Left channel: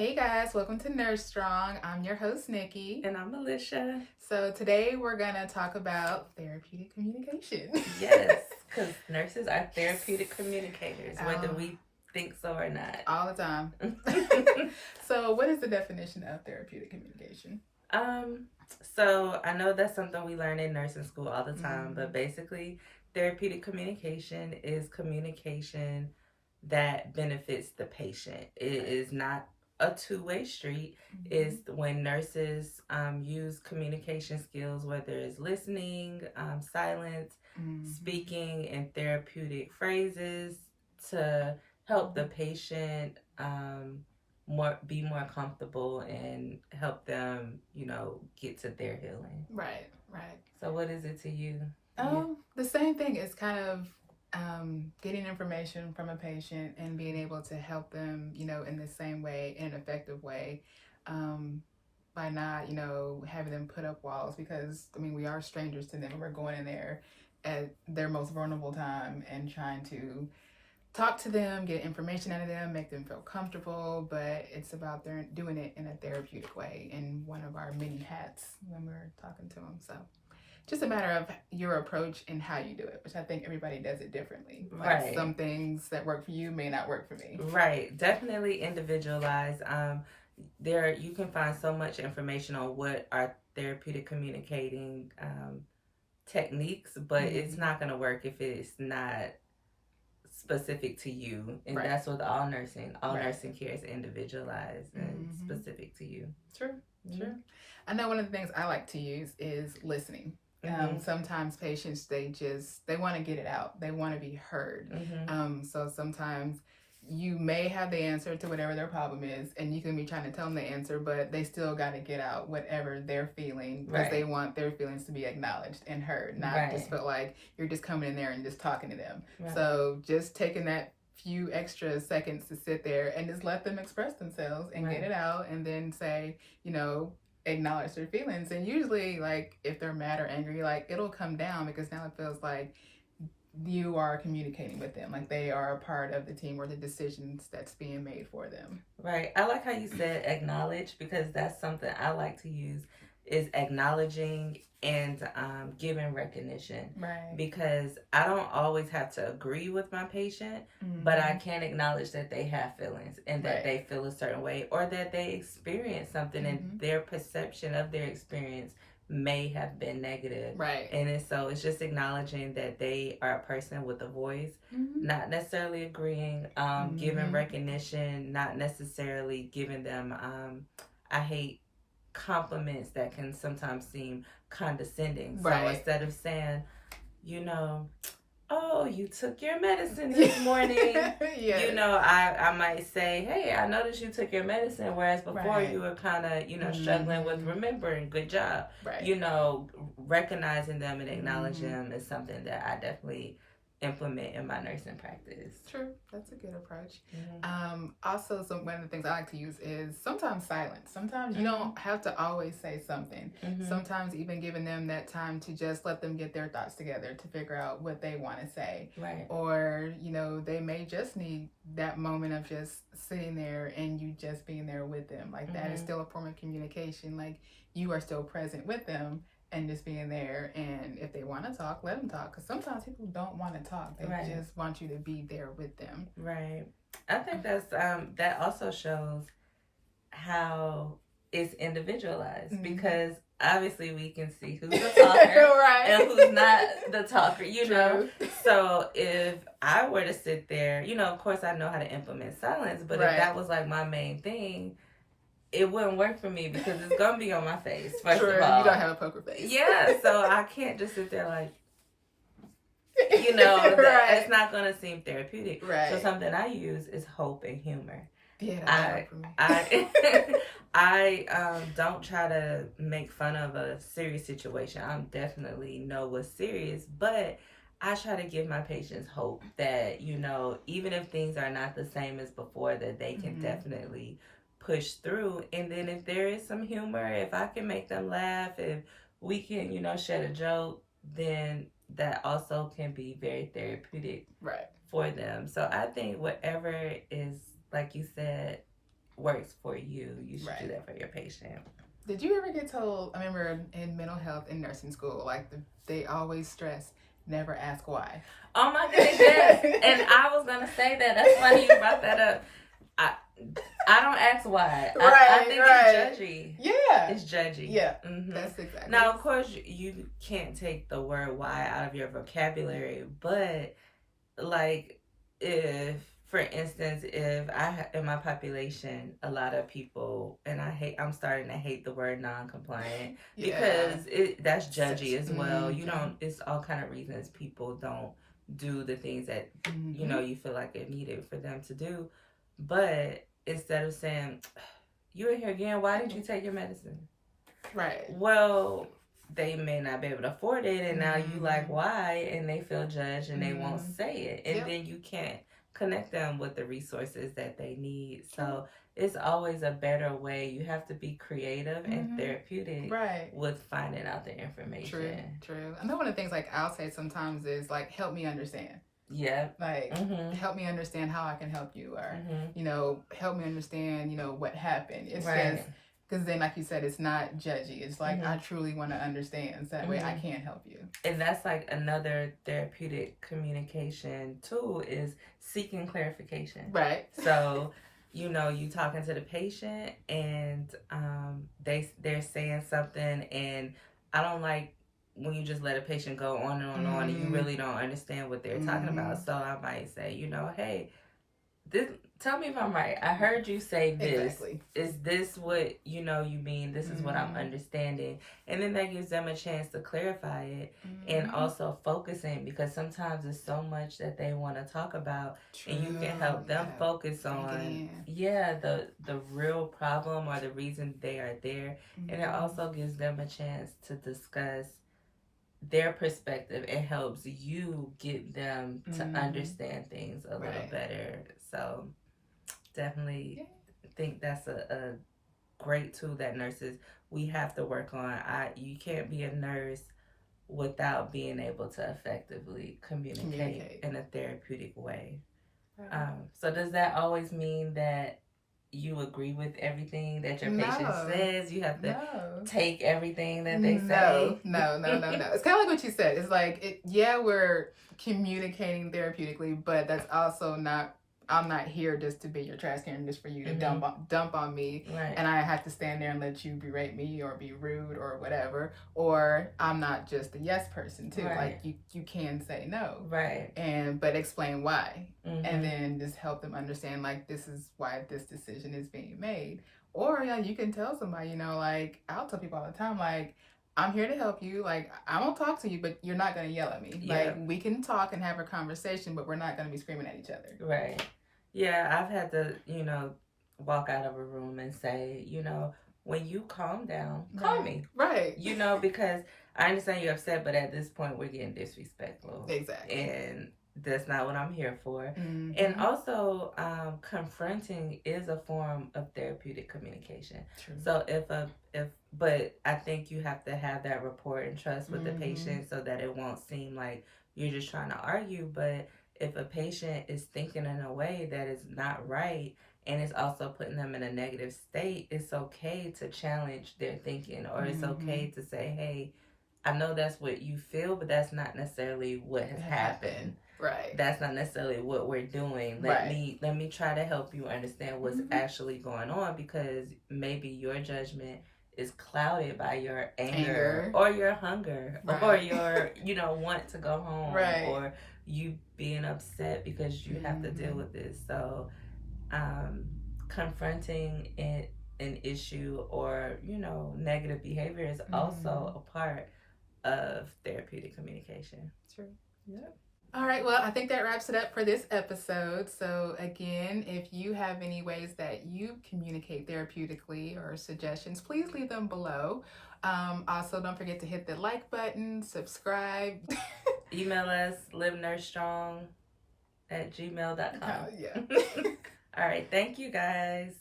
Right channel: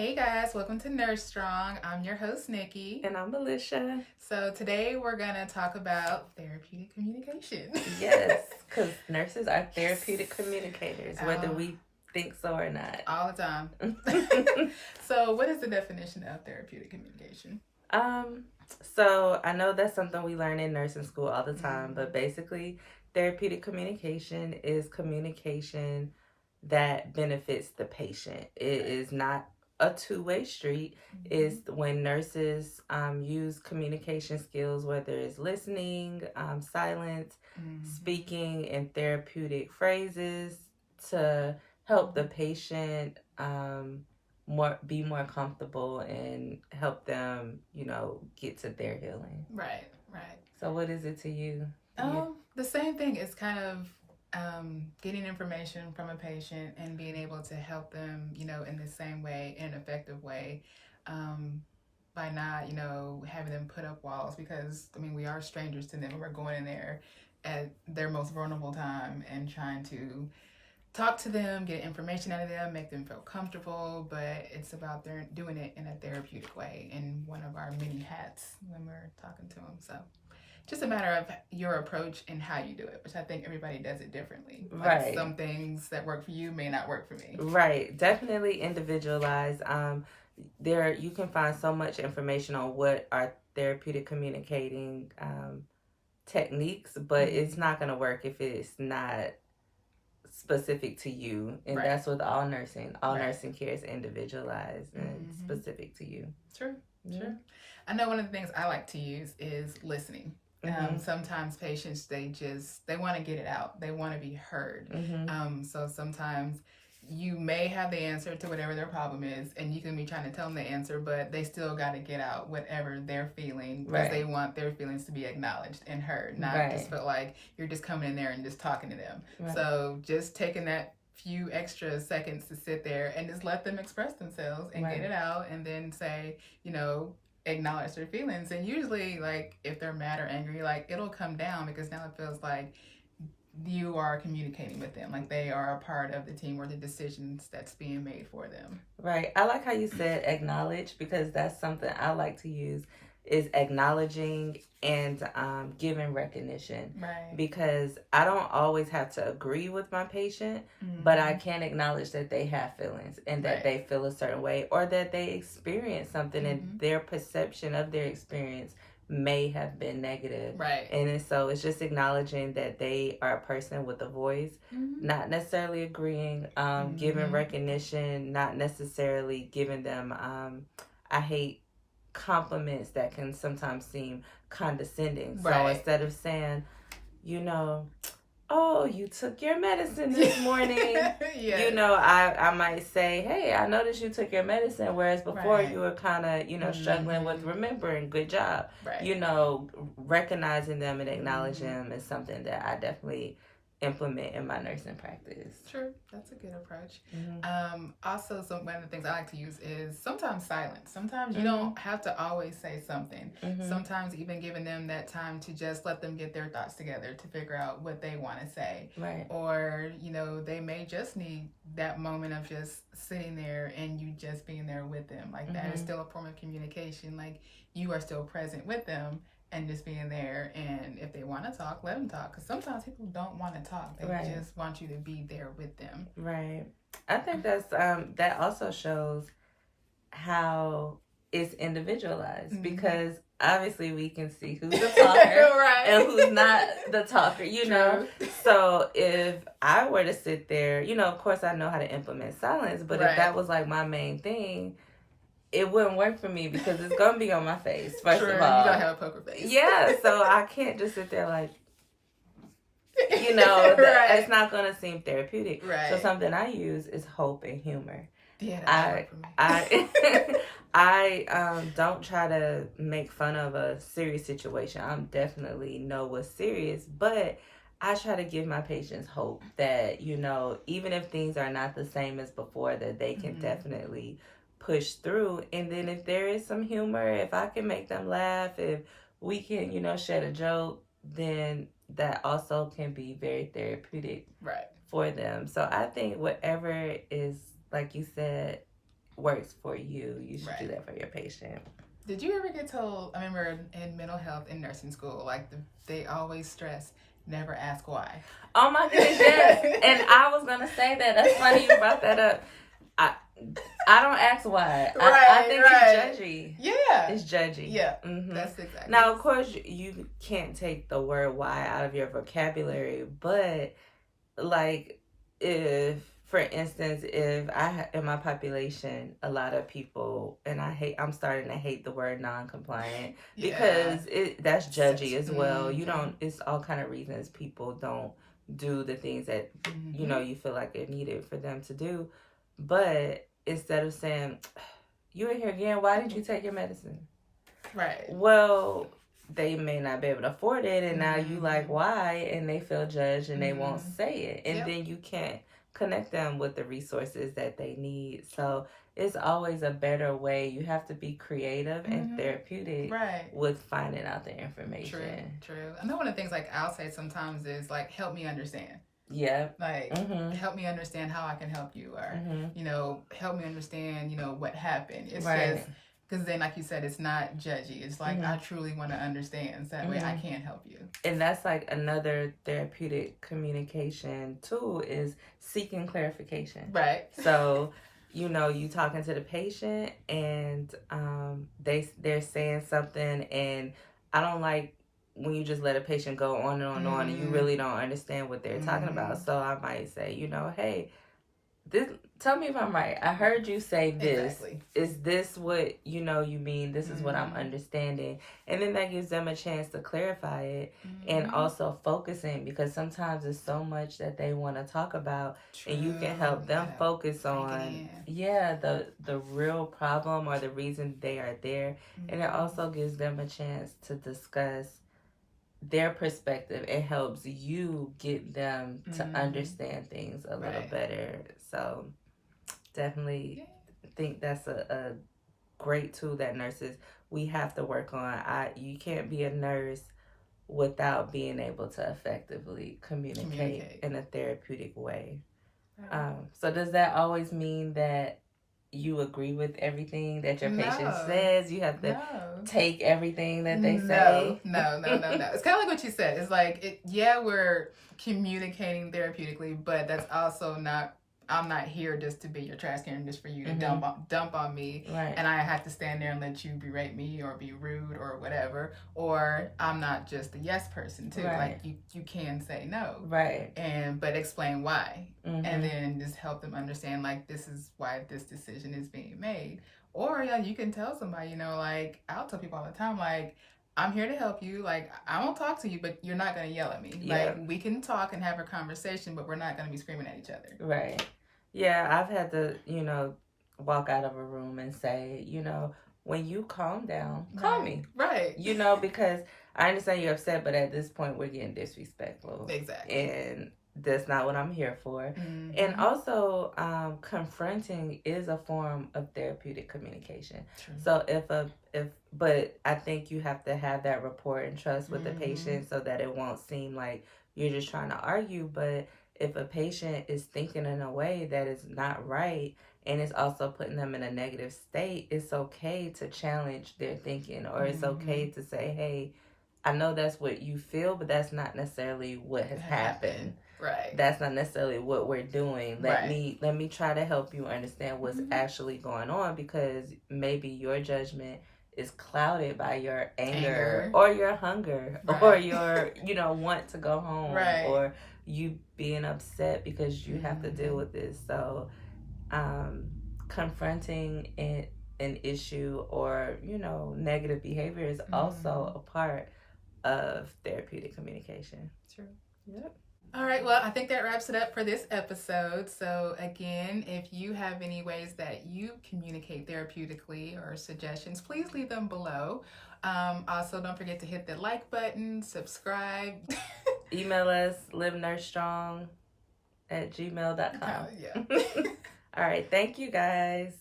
Hey guys, welcome to Nurse Strong. I'm your host, Nikki. And I'm Alicia. So today we're going to talk about therapeutic communication. Yes, because nurses are therapeutic communicators, whether we think so or not. All the time. So what is the definition of therapeutic communication? So I know that's something we learn in nursing school all the time, but basically therapeutic communication is communication that benefits the patient. It is not a two-way street. Is when nurses use communication skills, whether it's listening, silence, speaking, and therapeutic phrases to help the patient be more comfortable and help them, get to their healing. Right. So what is it to you? The same thing is kind of getting information from a patient and being able to help them, in the same way, in an effective way, by not, having them put up walls, because we are strangers to them and we're going in there at their most vulnerable time and trying to talk to them, get information out of them, make them feel comfortable, but it's about doing it in a therapeutic way, in one of our many hats when we're talking to them. So just a matter of your approach and how you do it, which I think everybody does it differently. Right. Some things that work for you may not work for me. Right. Definitely individualized. You can find so much information on what are therapeutic communicating techniques, but it's not going to work if it's not specific to you. And that's with all nursing. All nursing care is individualized and specific to you. Sure. I know one of the things I like to use is listening. Sometimes patients, they want to get it out. They want to be heard. So sometimes you may have the answer to whatever their problem is, and you can be trying to tell them the answer, but they still got to get out whatever they're feeling, because they want their feelings to be acknowledged and heard, not just feel like you're just coming in there and just talking to them. So just taking that few extra seconds to sit there and just let them express themselves and get it out, and then say, acknowledge their feelings. And usually, like, if they're mad or angry, like, it'll come down, because now it feels like you are communicating with them, like they are a part of the team or the decisions that's being made for them. Right. I like how you said acknowledge, because that's something I like to use, is acknowledging and giving recognition. Right. Because I don't always have to agree with my patient, but I can acknowledge that they have feelings and that they feel a certain way, or that they experience something and their perception of their experience may have been negative. Right. And so it's just acknowledging that they are a person with a voice, not necessarily agreeing, giving recognition, not necessarily giving them, I hate compliments that can sometimes seem condescending. So instead of saying, oh, you took your medicine this morning, I might say, hey, I noticed you took your medicine, whereas before you were kind of, struggling with remembering. Good job. Recognizing them and acknowledging them is something that I definitely implement in my nursing practice. True. That's a good approach. Also, one of the things I like to use is sometimes silence. Sometimes you don't have to always say something. Sometimes even giving them that time to just let them get their thoughts together to figure out what they want to say. Or, they may just need that moment of just sitting there and you just being there with them. Like that is still a form of communication. Like you are still present with them and just being there. And if they want to talk, let them talk. Because sometimes people don't want to talk. They just want you to be there with them. Right. I think that's that also shows how it's individualized, because obviously we can see who's the talker and who's not the talker, So if I were to sit there, of course I know how to implement silence, but if that was like my main thing, it wouldn't work for me, because it's going to be on my face, first of all. You don't have a poker face. Yeah, so I can't just sit there like, it's not going to seem therapeutic. So something I use is hope and humor. Yeah, that work for me. I don't try to make fun of a serious situation. I definitely know what's serious, but I try to give my patients hope that, even if things are not the same as before, that they can definitely push through. And then if there is some humor, if I can make them laugh, if we can, shed a joke, then that also can be very therapeutic for them. So I think whatever is, like you said, works for you, you should do Right. that for your patient. Did you ever get told, I remember in mental health in nursing school, like they always stress, never ask why. Oh my goodness, yes. And I was going to say that. That's funny you brought that up. I don't ask why. I think it's judgy. Yeah. It's judgy. Yeah. That's exactly. Now, of course, you can't take the word why out of your vocabulary, but like if, for instance, if in my population, a lot of people, and I'm starting to hate the word non-compliant because that's judgy as well. You don't, it's all kind of reasons people don't do the things that, you know, you feel like are needed for them to do. But instead of saying, you're in here again, why didn't you take your medicine? Right. Well, they may not be able to afford it, and now you like, why? And they feel judged and they won't say it. And then you can't connect them with the resources that they need. So it's always a better way. You have to be creative and therapeutic with finding out the information. True. I know one of the things like I'll say sometimes is like, help me understand. Yeah. Like, help me understand how I can help you, or, you know, help me understand, you know, what happened. It's just, because then, like you said, it's not judgy. It's like, I truly want to understand. So that way I can help you. And that's like another therapeutic communication tool is seeking clarification. Right. So, you know, you talking to the patient and they're saying something, and I don't like when you just let a patient go on and on and on and you really don't understand what they're talking about. So I might say, you know, hey, tell me if I'm right. I heard you say this. Exactly. Is this what you know you mean? This is what I'm understanding. And then that gives them a chance to clarify it and also focusing, because sometimes there's so much that they want to talk about. And you can help them focus on the real problem or the reason they are there. And it also gives them a chance to discuss their perspective. It helps you get them to understand things a little better. So definitely think that's a great tool that nurses, we have to work on. You can't be a nurse without being able to effectively communicate in a therapeutic way. So does that always mean that you agree with everything that your patient says? You have to take everything that they say? No. It's kind of like what you said. It's like, we're communicating therapeutically, but that's also not, I'm not here just to be your trash can, just for you to dump on me. Right. And I have to stand there and let you berate me or be rude or whatever. Or I'm not just a yes person too. Like you can say no. Right. But explain why. And then just help them understand, like, this is why this decision is being made. Or you can tell somebody, you know, like, I'll tell people all the time, like, I'm here to help you. Like, I won't talk to you, but you're not going to yell at me. Like, we can talk and have a conversation, but we're not going to be screaming at each other. Right. Yeah, I've had to, you know, walk out of a room and say, you know, when you calm down, call me. Right. You know, because I understand you're upset, but at this point we're getting disrespectful. Exactly. And that's not what I'm here for. And also, confronting is a form of therapeutic communication. True. So but I think you have to have that rapport and trust with the patient so that it won't seem like you're just trying to argue. But if a patient is thinking in a way that is not right and it's also putting them in a negative state, it's okay to challenge their thinking, or it's okay to say, hey, I know that's what you feel, but that's not necessarily what has happened. Right. That's not necessarily what we're doing. Let me try to help you understand what's actually going on, because maybe your judgment is clouded by your anger. Or your hunger or your, you know, want to go home, or you being upset because you have to deal with this. So confronting an issue or, you know, negative behavior is also a part of therapeutic communication. True. Yep. All right, well, I think that wraps it up for this episode. So again, if you have any ways that you communicate therapeutically or suggestions, please leave them below. Also, don't forget to hit the like button, subscribe. Email us, livenursestrong@gmail.com. Yeah. All right, thank you guys.